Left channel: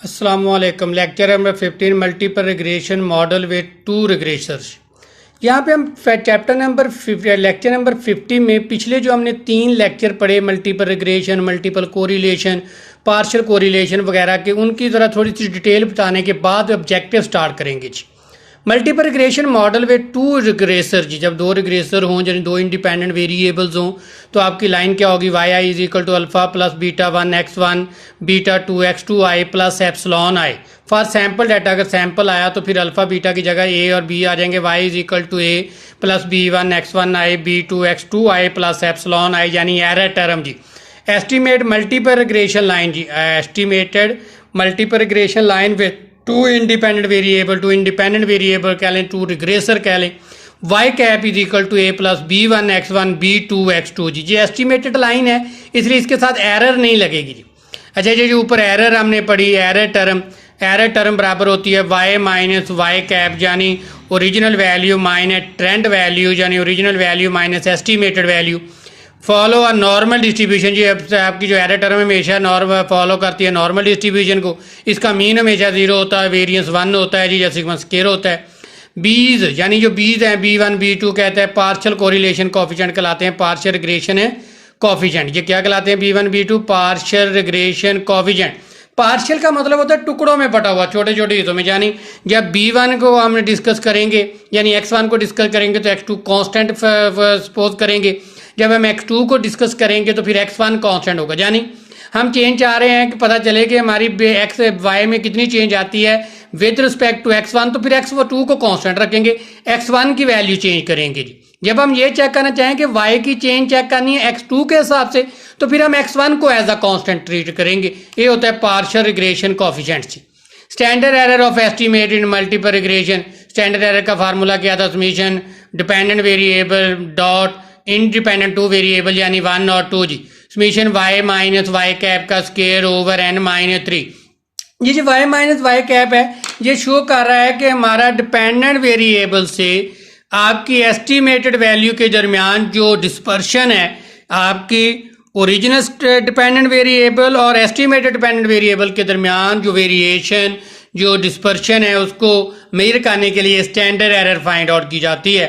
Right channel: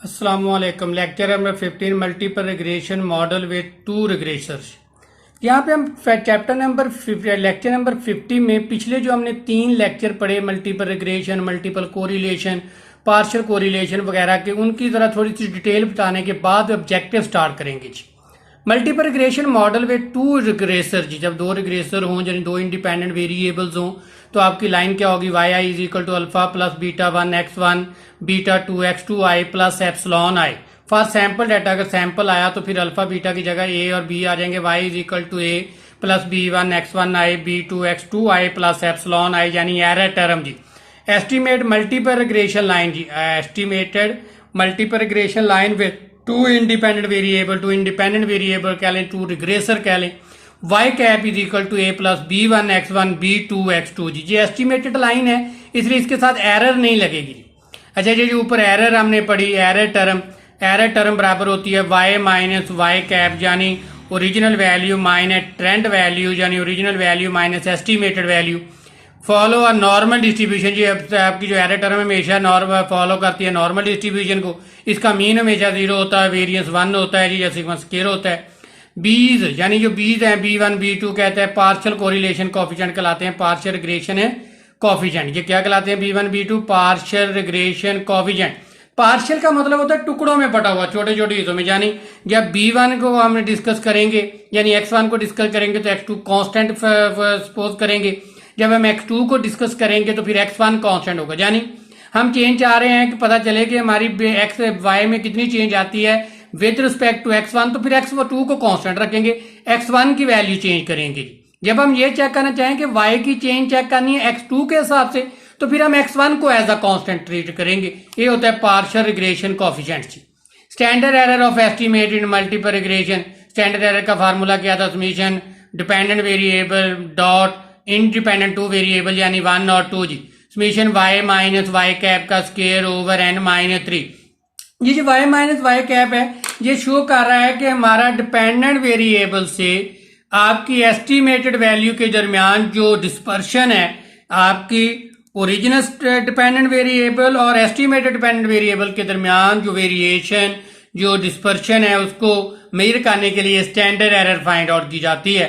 अस्सलामुअलैकुम। Lecture number 15 multiple regression model with two regressors. यहाँ पे हम लेक्चर नंबर 50 में पिछले जो हमने 3 लेक्चर पढ़े multiple regression, multiple correlation, partial correlation वगैरह के, उनकी ज़रा थोड़ी सी डिटेल बताने के बाद ऑब्जेक्टिव स्टार्ट करेंगे जी। Multiple regression model with two regressor जी, जब दो रिग्रेसर हों यानी दो इंडिपेंडेंट वेरिएबल्स हों तो आपकी लाइन क्या होगी, y i is equal to alpha plus beta 1x1 beta 2x2 i plus epsilon i. For sample data अगर सैम्पल आया तो फिर अल्फा बीटा की जगह ए और बी आ जाएंगे, Y is equal to A plus b1x1 I b2x2 I plus epsilon I, यानी एरर टर्म जी। एस्टीमेट मल्टीपल रिग्रेशन लाइन जी, estimated multiple regression line with two independent variable कह लें, टू रिग्रेसर कह लें, Y cap is equal to A plus b1x1 b2x2 जी। ये estimated line है इसलिए इसके साथ एरर नहीं लगेगी जी। अच्छा जी, जो ऊपर एरर हमने पढ़ी, एरर टर्म बराबर होती है y माइनस वाई कैप यानी original value minus trend value यानी original value minus estimated value. Follow a normal distribution जी, आपकी जो एरर टर्म हमेशा नॉर्मल फॉलो करती है नॉर्मल डिस्ट्रीब्यूशन को। इसका मीन हमेशा 0 होता है, वेरिएंस 1 होता है जी, या सिग्मा स्क्वायर होता है। बीज यानी जो बीज हैं b1 b2 कहते हैं पार्शियल कोरिलेशन कोफिशिएंट कहलाते हैं, पार्शियल रिग्रेशन है कोफिशिएंट। ये क्या कहलाते हैं, b1 b2 partial regression coefficient. Partial का मतलब होता है टुकड़ों में बटा हुआ, छोटे छोटे हिस्सों में। यानी जब b1 को हम डिस्कस करेंगे यानी x1 को डिस्कस करेंगे तो x2 कांस्टेंट सपोज करेंगे, जब हम x2 को डिस्कस करेंगे तो फिर x1 कांस्टेंट होगा। यानी हम चेंज चाह रहे हैं कि पता चले कि हमारी x y में कितनी चेंज आती है विद रिस्पेक्ट टू x1, तो फिर x2 को कांस्टेंट रखेंगे, x1 की वैल्यू चेंज करेंगे जी। जब हम ये चेक करना चाहें कि y की चेंज चेक करनी है x2 के हिसाब से तो फिर हम x1 को एज अ कांस्टेंट ट्रीट करेंगे। ये होता है पार्शियल रिग्रेशन कोफिशिएंट जी। Standard error of estimate in multiple regression, standard error का फार्मूला क्या था, summation dependent variable dot independent two variable यानी 1 और 2 जी, summation y minus Y cap का स्केयर ओवर n माइनस 3। ये जो y माइनस वाई कैप है ये शो कर रहा है कि हमारा डिपेंडेंट वेरिएबल से आपकी एस्टिमेटेड वैल्यू के दरमियान जो डिस्पर्शन है, आपकी ओरिजिनल डिपेंडेंट वेरिएबल और एस्टिमेटेड डिपेंडेंट वेरिएबल के दरमियान जो वेरिएशन, जो डिस्पर्शन है, उसको मेजर करने के लिए स्टैंडर्ड एरर फाइंड आउट की जाती है।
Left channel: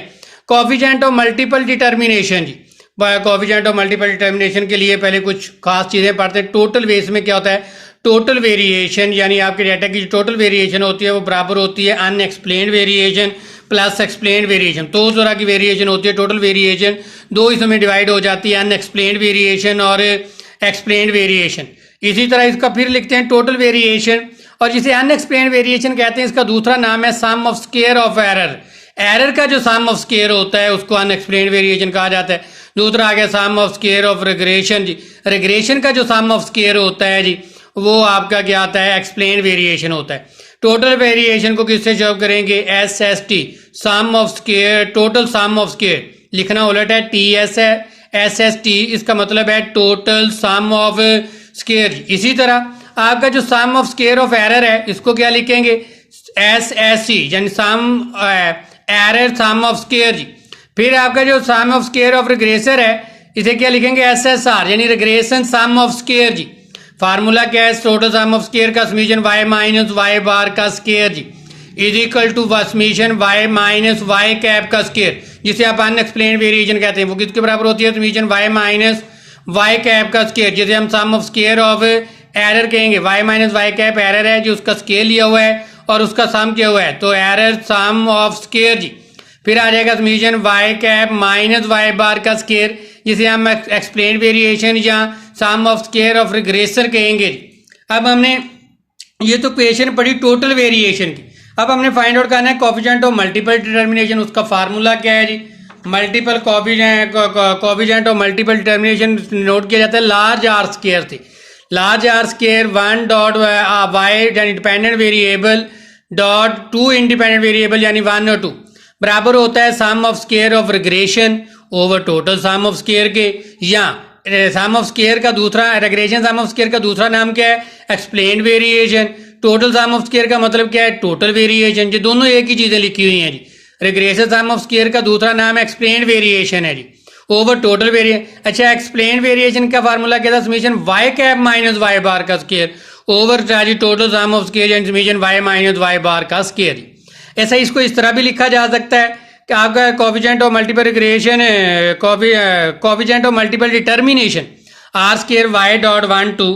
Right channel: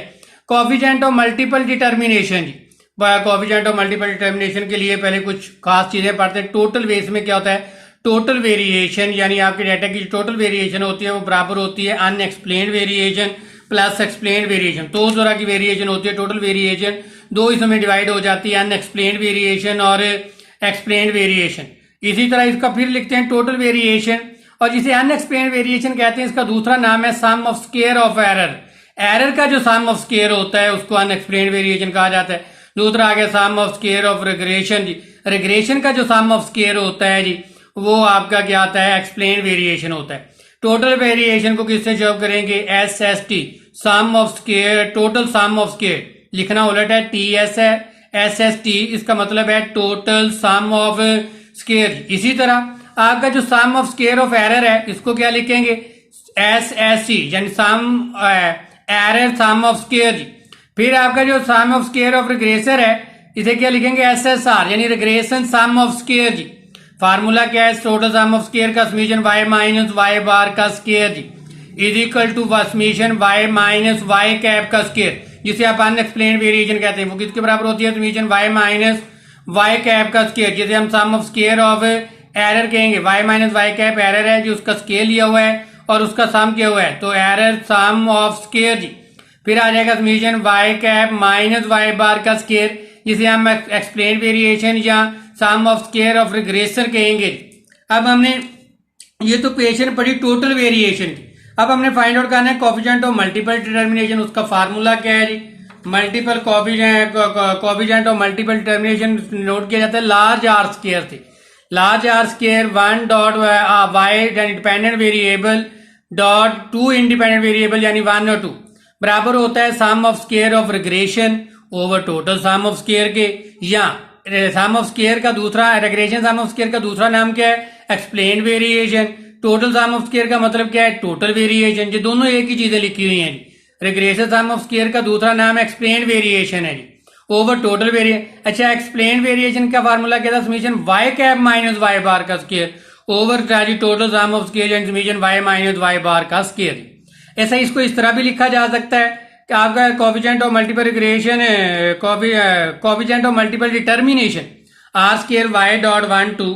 कोफिशिएंट ऑफ मल्टीपल डिटर्मिनेशन जी, कोफिशिएंट ऑफ मल्टीपल डिटर्मिनेशन के लिए पहले कुछ खास चीज़ें पढ़ते हैं। टोटल बेस में क्या होता है, टोटल वेरिएशन यानी आपके डाटा की जो टोटल वेरिएशन होती है वो बराबर होती है unexplained variation plus explained variation. तो उस तरह की वेरिएशन होती है, टोटल वेरिएशन दो हिस्सों में डिवाइड हो जाती है, अनएक्सप्लेन्ड वेरिएशन और एक्सप्लेन्ड वेरिएशन। इसी तरह इसका फिर लिखते हैं टोटल वेरिएशन, और जिसे अनएक्सप्लेन्ड वेरिएशन कहते हैं इसका दूसरा नाम है sum of square of error. Error का जो सम ऑफ स्क्वायर होता है उसको अनएक्सप्लेन्ड वेरिएशन कहा जाता है। दूसरा आ गया sum of square of regression जी, रिग्रेशन का जो सम ऑफ स्क्वायर होता है जी वो आपका क्या आता है, एक्सप्लेन वेरिएशन होता है। टोटल वेरिएशन को किससे शो करेंगे, S S T, sum of square, total sum of square लिखना उलट है, टी एस है, एस एस टी इसका मतलब है टोटल सम ऑफ स्क्वायर। इसी तरह आपका जो sum of square of error है इसको क्या लिखेंगे, एस एस सी यानी sum error sum of square जी। फिर आपका जो sum of square of regressor है इसे क्या लिखेंगे, एस एस आर यानी रिग्रेशन सम ऑफ स्क्वायर जी। फार्मूला क्या है, टोटल सम ऑफ स्क्वायर का summation y minus Y bar का स्क्वायर जी is equal to summation y minus Y cap का स्क्वायर, जिसे आप अनएक्सप्लेन्ड वेरिएशन कहते हैं। वो किसके बराबर होती है, summation y minus Y cap का स्क्वायर, जिसे हम sum of square of error कहेंगे। y minus Y cap error है जो उसका स्केल लिया हुआ है और उसका सम किया हुआ है, तो एरर सम ऑफ स्क्वायर जी। फिर आ जाएगा summation y cap minus Y bar का स्क्वायर, जिसे हम एक्सप्लेन वेरिएशन या sum of square of regressor कहेंगे। अब हमने ये तो इक्वेशन पढ़ी टोटल वेरिएशन की, अब हमने फाइंड आउट करना है कोफिशिएंट ऑफ मल्टीपल डिटर्मिनेशन। उसका फार्मूला क्या है जी, multiple coefficient of multiple determination note किया जाता है लार्ज आर स्क्वायर से। Large R square 1 dot Y यानी dependent variable dot two independent variable यानी 1 और 2 बराबर होता है sum of square of regression over total sum of square के, या सम ऑफ स्क्वायर का दूसरा रिग्रेशन सम ऑफ स्क्वायर का दूसरा नाम क्या है, explain variation. Total sum of square का मतलब क्या है, टोटल वेरिएशन। जो दोनों एक ही चीजें लिखी हुई हैं जी। रिग्रेशन सम ऑफ स्क्वायर का दूसरा नाम एक्सप्लेन वेरिएशन है जी, ओवर टोटल वेरिएशन। अच्छा, एक्सप्लेन वेरिएशन का फार्मूला क्या था, summation Y cap minus Y bar का स्क्वायर ओवर जी total sum of square and summation y minus y bar का स्केयर। ऐसा इसको इस तरह भी लिखा जा सकता है कि आपका coefficient of multiple regression coefficient of multiple determination are square y dot 1 to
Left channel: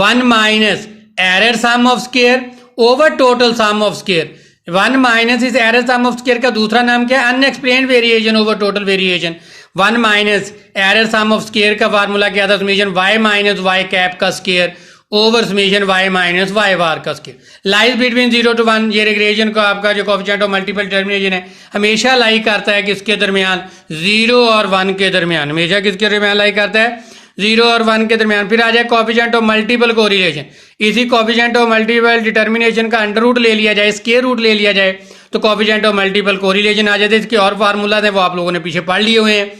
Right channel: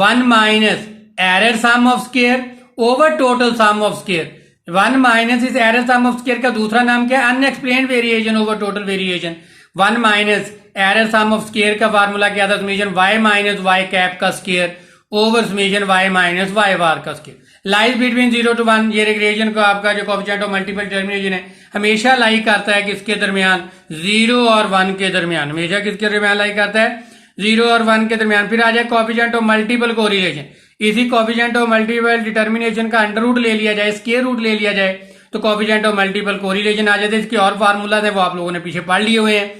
1 minus error sum of square over total sum of square. 1 minus इस एरर सम ऑफ स्केयर का दूसरा नाम क्या है? Unexplained variation over total variation. 1 minus error sum of square का formula क्या था? Summation y minus y cap का square over summation y minus y bar का स्केयर। Lies between 0 to 1। ये रिग्रेशन का आपका जो कोफिशिएंट ऑफ मल्टीपल डिटर्मिनेशन है हमेशा लाई करता है किसके दरमियान? 0 और 1 के दरमियान। हमेशा किसके दरमियान लाई करता है? 0 और 1 के दरमियान। फिर आ जाए कोफिशिएंट ऑफ मल्टीपल कोरिलेशन। इसी कोफिशिएंट ऑफ मल्टीपल डिटर्मिनेशन का अंडर रूट ले लिया जाए, स्क्वायर रूट ले लिया जाए तो कोफिशिएंट ऑफ मल्टीपल कोरिलेशन आ जाते हैं। इसके और फार्मूला थे वो आप लोगों ने पीछे पढ़ लिए हुए हैं।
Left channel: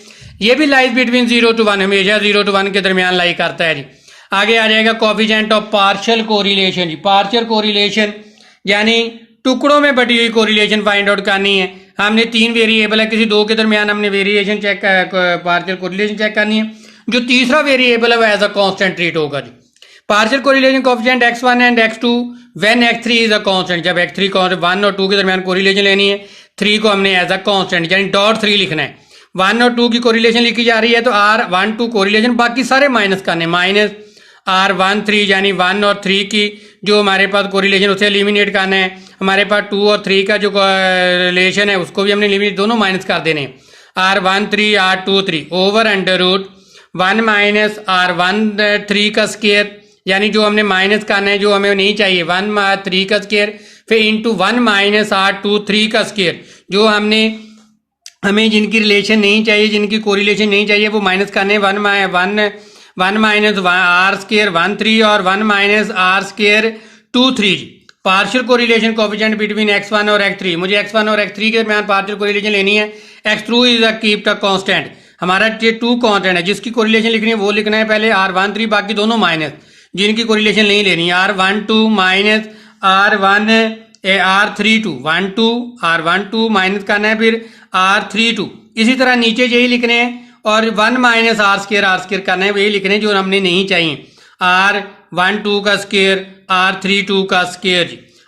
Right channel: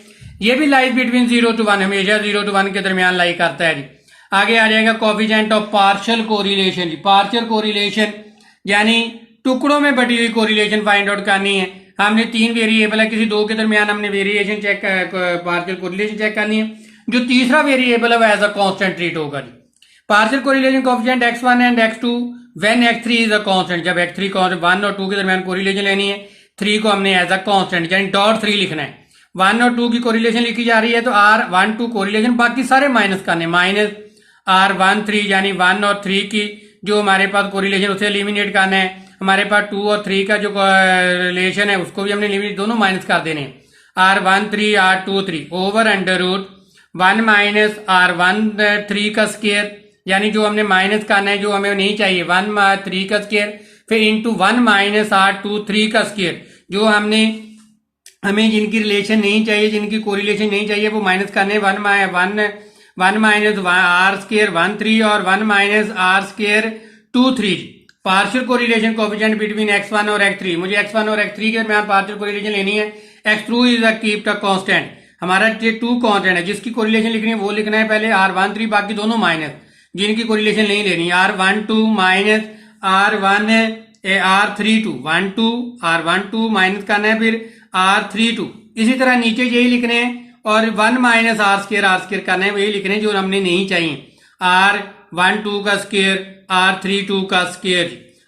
ये भी लाइज बिटवीन 0 to 1, हमेशा 0 to 1 के दरमियान लाई करता है जी। आगे आ जाएगा कोफिशिएंट ऑफ पार्शियल कोरिलेशन जी। पार्शियल कोरिलेशन यानी टुकड़ों में बटी हुई कोरिलेशन फाइंड आउट करनी है। हमने 3 वेरिएबल है, किसी 2 के दरमियान हमने variation check partial correlation check करनी है। जो तीसरा वेरिएबल है वो एज अ कांस्टेंट ट्रीट होगा जी। Partial correlation coefficient x1 and x2 when x3 is a constant. जब x3 1 और 2 के दरमियान कोरिलेशन लेनी है, 3 को हमने एज अ कांस्टेंट यानी डॉट 3 लिखना है। 1 और 2 की कोरिलेशन लिखी जा रही है तो r1 2 कोरिलेशन, बाकी सारे माइनस करने, माइनस r1 3 यानी 1 और 3 की जो हमारे पास कोरिलेशन उसे एलिमिनेट करना है। हमारे पास 2 और 3 का जो रिलेशन है उसको भी हमने एलिमिनेट, दोनों माइनस कर देने हैं। r1 3 r2 3 over under root 1 minus r1 3 का स्केयर यानी जो हमने माइनस करना है, जो हमें नहीं चाहिए, 1 3 का स्केयर, फिर इंटू 1 माइनस r2 3 का स्केयर। जो हमें जिनकी रिलेशन नहीं चाहिए, जिनकी कोरिलेशन नहीं चाहिए वो माइनस करने, 1 माइनस आर स्केयर 1 3 और 1 minus r square 2 3। Partial correlation coefficient between x1 और x3। मुझे x1 और x3 के दरमियान पार्शियल कोरिलेशन लेनी है। x2 is a keeped a constant. हमारा ये 2 कांस्टेंट है, जिसकी कोरिलेशन लिखनी है वो लिखना है पहले r1 3, बाकी दोनों माइनस। जिनकी कोरिलेशन नहीं लेनी है r1 2 minus r1 r3 2 1 2 r1 2 minus करना है, फिर r3 2। इसी तरह नीचे यही लिखने हैं और 1 माइनस r स्केयर करना है, वही लिखने जो हमने नहीं चाहिए। r1 2 का स्केयर r3 2 का स्केयर।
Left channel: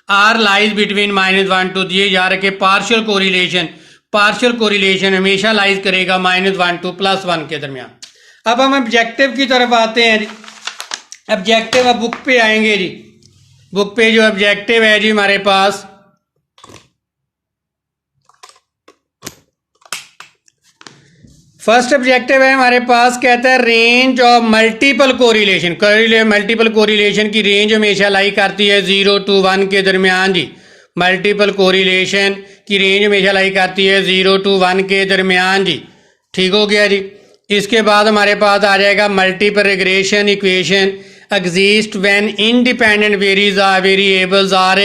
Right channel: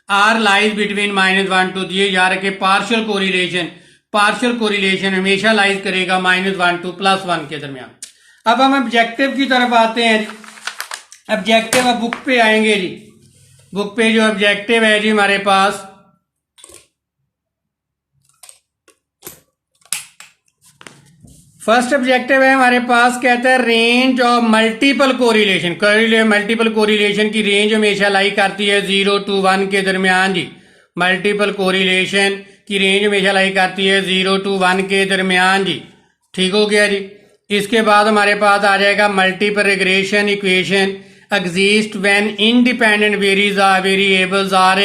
r lies between -1 2। ये याद रखे पार्शियल कोरिलेशन हमेशा लाइज करेगा -1 to +1 के दरमियान। अब हम ऑब्जेक्टिव की तरफ आते हैं जी। ऑब्जेक्टिव अब बुक पे आएंगे जी। बुक पे जो ऑब्जेक्टिव है जी हमारे पास, फर्स्ट ऑब्जेक्टिव है हमारे पास, कहता है range of multiple correlation. Multiple correlation की रेंज हमेशा लाई करती है 0 to 1 के दरमियान जी। मल्टीपल कोरिलेशन की रेंज हमेशा लाई करती है 0 to 1 के दरमियान जी। ठीक हो गया जी। इसके बाद हमारे पास आ जाएगा multiple regression equation exist when independent variables are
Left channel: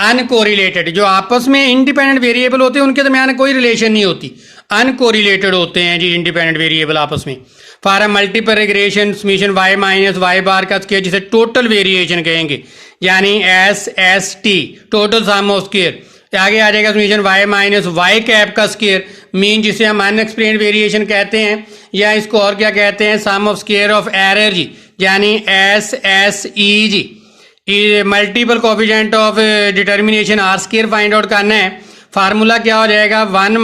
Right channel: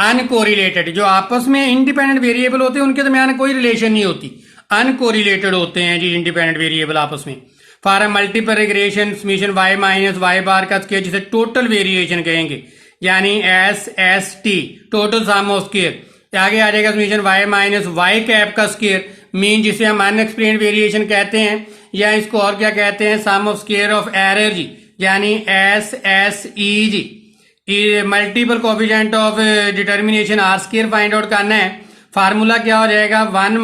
uncorrelated. जो आपस में इंडिपेंडेंट वेरिएबल होते हैं उनके दरमियान कोई रिलेशन नहीं होती, अनकोरिलेटेड होते हैं जी इंडिपेंडेंट वेरिएबल आपस में। For multiple regression summation y minus y bar का स्केयर, जिसे टोटल वेरिएशन कहेंगे, यानी SST total sum of square. आगे आ जाएगा summation y minus y cap का स्केयर, मीन जिसे हम अनएक्सप्लेन्ड वेरिएशन कहते हैं, या इसको और क्या कहते हैं, sum of square of error जी, यानी SSE जी। Multiple coefficient of determination are square find out करना है। फार्मूला क्या हो जाएगा, 1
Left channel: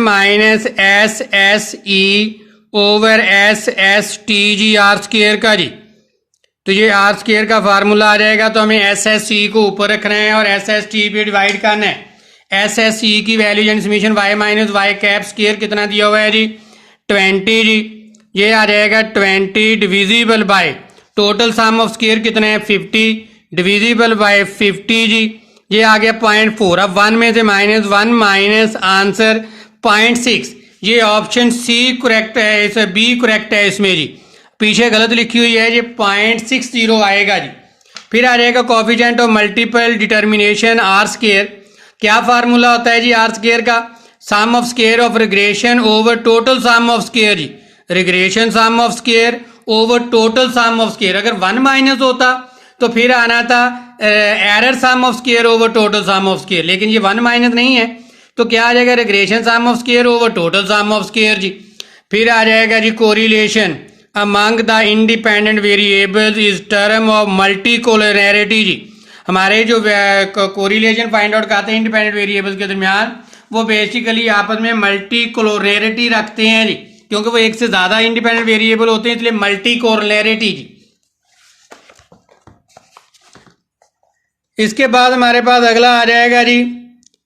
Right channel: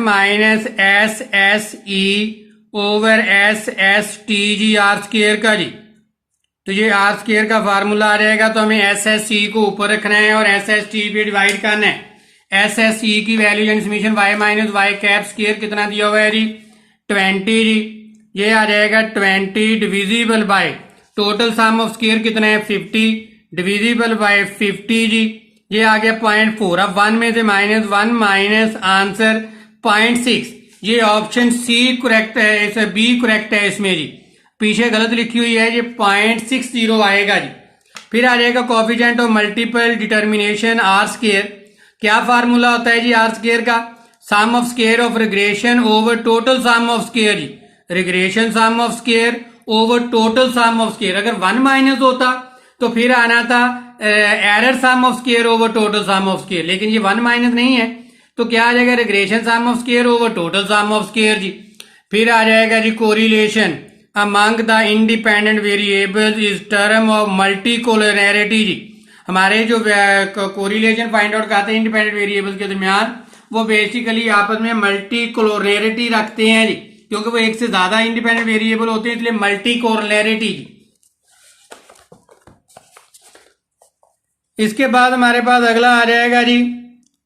माइनस SSE ओवर SST जी आर स्केयर का जी। तो ये आर स्केयर का फार्मूला आ जाएगा, तो हमें SSE को ऊपर रखना है और SST पे डिवाइड करना है। SSE की वैल्यू यानी summation y minus y cap square कितना दिया हुआ है जी, 20 जी। ये आ जाएगा 20 divisible by total sum of square कितना है 50 डिविजिबल बाय 50 जी। ये आ गया 0.4। अब 1 में से -1 माइनस आंसर 0.6। ये ऑप्शन सी करेक्ट है, इसे बी करेक्ट है इसमें जी, पीछे गलत लिखी हुई है, ये 0.60 आएगा जी। फिर आ जाएगा coefficient of multiple determination are square. क्या फार्मूला होता है जी आर स्केयर का, sum of square of regression over total sum of square जी। Regression sum of square over total sum of square. अगर 1 माइनस होता तो फिर आना था error sum of square over total sum of square, लेकिन ये 1 माइनस नहीं है तो क्या आ जाएगा, regression sum of square over total sum of square जी। फिर आ जाएगा जी correlation among the independent variables is term of multicollinearity जी। हमारे जो कोरिलेशन फाइंड आउट करते हैं इंडिपेंडेंट वेरिएबल्स के दरमियान, वो बेसिकली आपस में मल्टीकोलरिटी रखते हैं जी, क्योंकि वो एक से ज्यादा इंडिपेंडेंट वेरिएबल होते हैं, इसलिए मल्टीकोलरिटी जी। इसके बाद हमारे पास अगला आ जाएगा जी,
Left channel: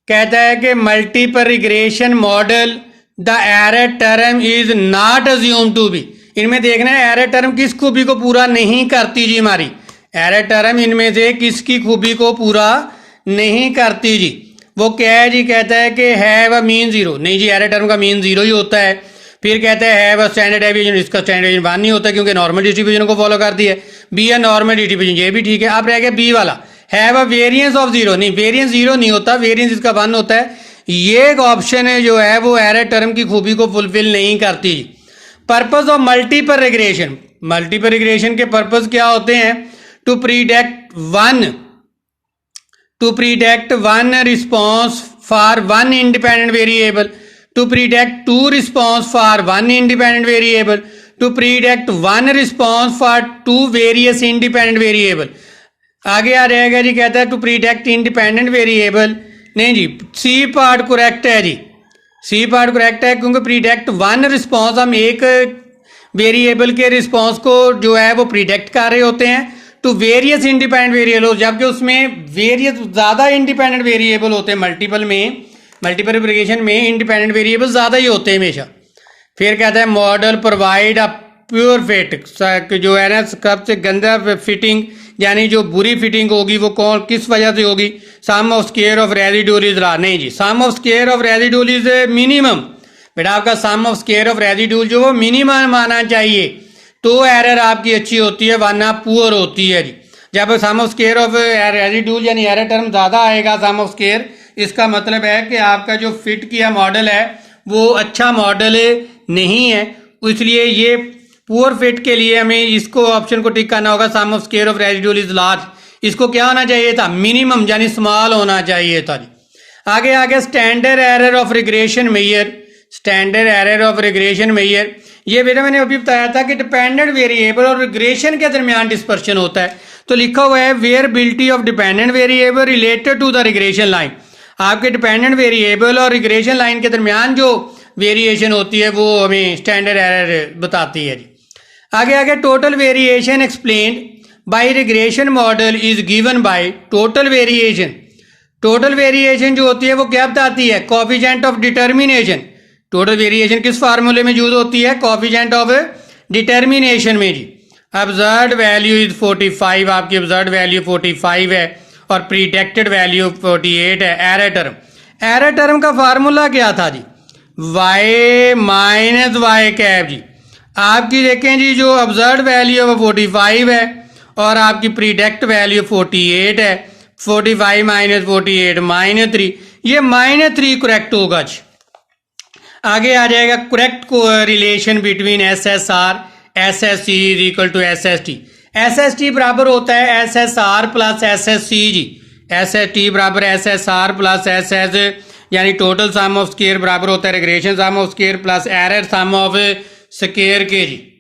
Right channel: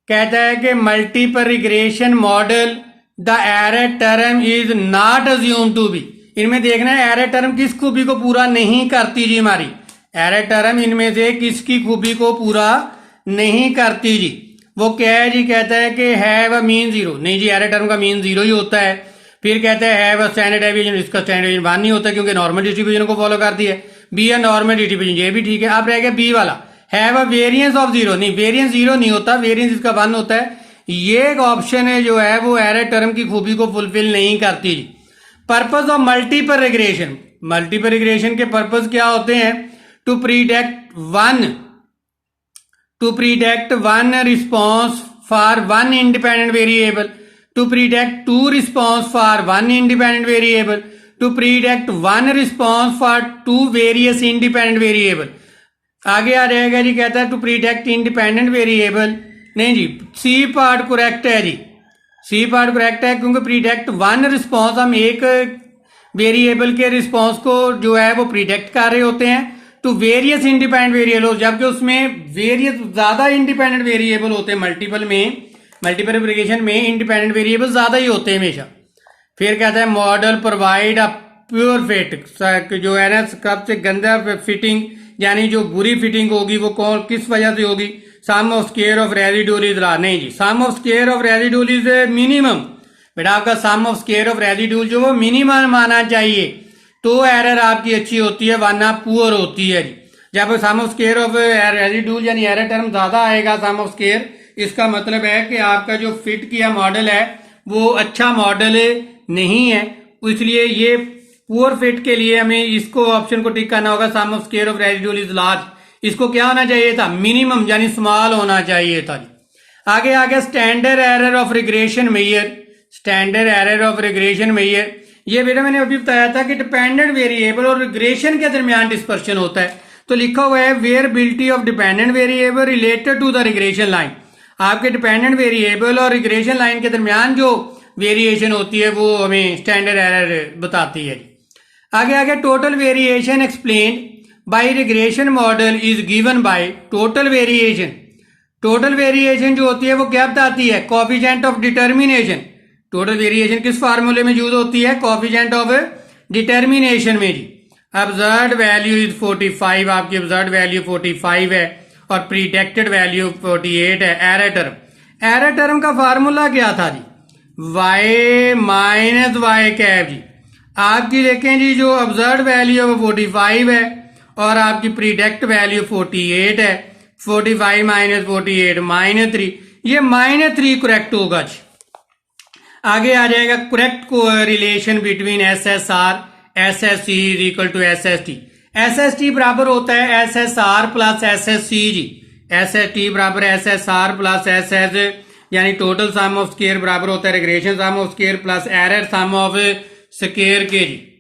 कहता है कि multiple regression model the error term is not assume to be. इनमें देखना है एरर टर्म किस खूबी को पूरा नहीं करती जी। हमारी एरर टर्म इनमें से किसकी खूबी को पूरा नहीं करती जी। वो क्या है जी, कहता है कि हैव अ मीन जीरो। नहीं जी, एरर टर्म का मीन जीरो ही होता है। फिर कहता है हैव अ स्टैंडर्ड डेविएशन, इसका स्टैंडर्ड डेविएशन 1 नहीं होता क्योंकि नॉर्मल डिस्ट्रीब्यूशन को फॉलो करती है। बी अ नॉर्मल डिस्ट्रीब्यूशन, ये भी ठीक है। अब रह गया बी वाला, have a variance of zero. नहीं, वेरिएंस जीरो नहीं होता, वेरिएंस इसका 1 होता है। ये एक ऑप्शन है जो है वो एरर टर्म की खूबी को फुलफिल नहीं करती। Purpose of multiple regression, multiple regression के पर्पस क्या होते हैं? To predict one response for one independent variable, to predict 2 response for one independent variable, to predict 1 response for 2 various independent variable. आगे आ जाएगा जी, कहता है टू प्रीडिक्ट इंडिपेंडेंट वेरिएबल। नहीं जी, सी पार्ट करेक्ट है जी, सी पार्ट करेक्ट है, क्योंकि predict 1 response, हम एक वेरिएबल के रिस्पॉन्स को जो है वो प्रीडिक्ट कर रहे होते हैं टू वेरियस इंडिपेंडेंट वेरिएबल, जबकि उसमें वेरियस ज्यादा इंडिपेंडेंट वेरिएबल होते हैं। मल्टीपल रिग्रेशन में इंडिपेंडेंट वेरिएबल ज्यादा ही होते हैं हमेशा। फिर कहता है model provide a pure fit, जो है ना सबसे गंदा फिटिंग, यानी जो बुरी फिटिंग होगी वो कौन किस वजह से होगी? Sum of square of residual is large. नहीं जी, sum of square of residual is minimum. बेटा आपका sum of square of residual जो वो मिनिमम आना चाहिए, तो एरर आपकी अच्छी होती है, वरना पुअर होती है जी। जब सम ऑफ स्क्वायर ऑफ रेजिड्यूल यानी एरर टर्म ज्यादा आएगा सम ऑफ स्क्वायर, इसका मतलब है कि आपका जो फिट किया मॉडल है वो अच्छा मॉडल नहीं है। इसलिए ये पुअर फिट के लिए हमें इसको ऑप्शन को टिक करना होगा, sum of square of residual is large. इसको क्या होना चाहिए था? मिनिमम यानी स्मॉल होना चाहिए था जी। आगे standard error of regression measure, standard error of regression measure, ये बेटा मैंने अभी बताया था कि डिपेंडेंट वेरिएबल और रिग्रेशन के दरमियान डिस्पर्शन होता है। तो लिखा हुआ है variability of dependent variable related to the regression line. आपके डिपेंडेंट वेरिएबल और रिग्रेशन लाइन के दरमियान जो वेरिएशन होती है वो हमें स्टैंडर्ड एरर बताती है। आगे total variation explained bye regression model is given by total variation. Total variation जो होती है वो क्या बताती है? Coefficient of determination. Total variation किस फार्मूले में यूज होती है? कोफिशिएंट ऑफ डिटर्मिनेशन में जी। ऑब्जर्व्ड वैल्यू इज 45, आपकी ऑब्जर्व्ड वैल्यू 45 है और प्रीडिक्टेड वैल्यू 48 है। एरर टर्म का फार्मूला क्या था जी? y माइनस वाई कैप जी। आपकी देखें जी, जो ऑब्जर्व्ड वैल्यू है वो 45 है और आपकी प्रीडिक्ट वैल्यू 48 है। 45 माइनस 48 -3, ये -3 करेक्ट होगा जी। आगे आ जाएगा correct relation between SSR SSC is equal to SST। SST बराबर होता है SSR प्लस SSC जी। SST बराबर SSR प्लस SS, यानी टोटल सम ऑफ स्क्वायर बराबर होता है regression sum of square plus error sum of square के जी।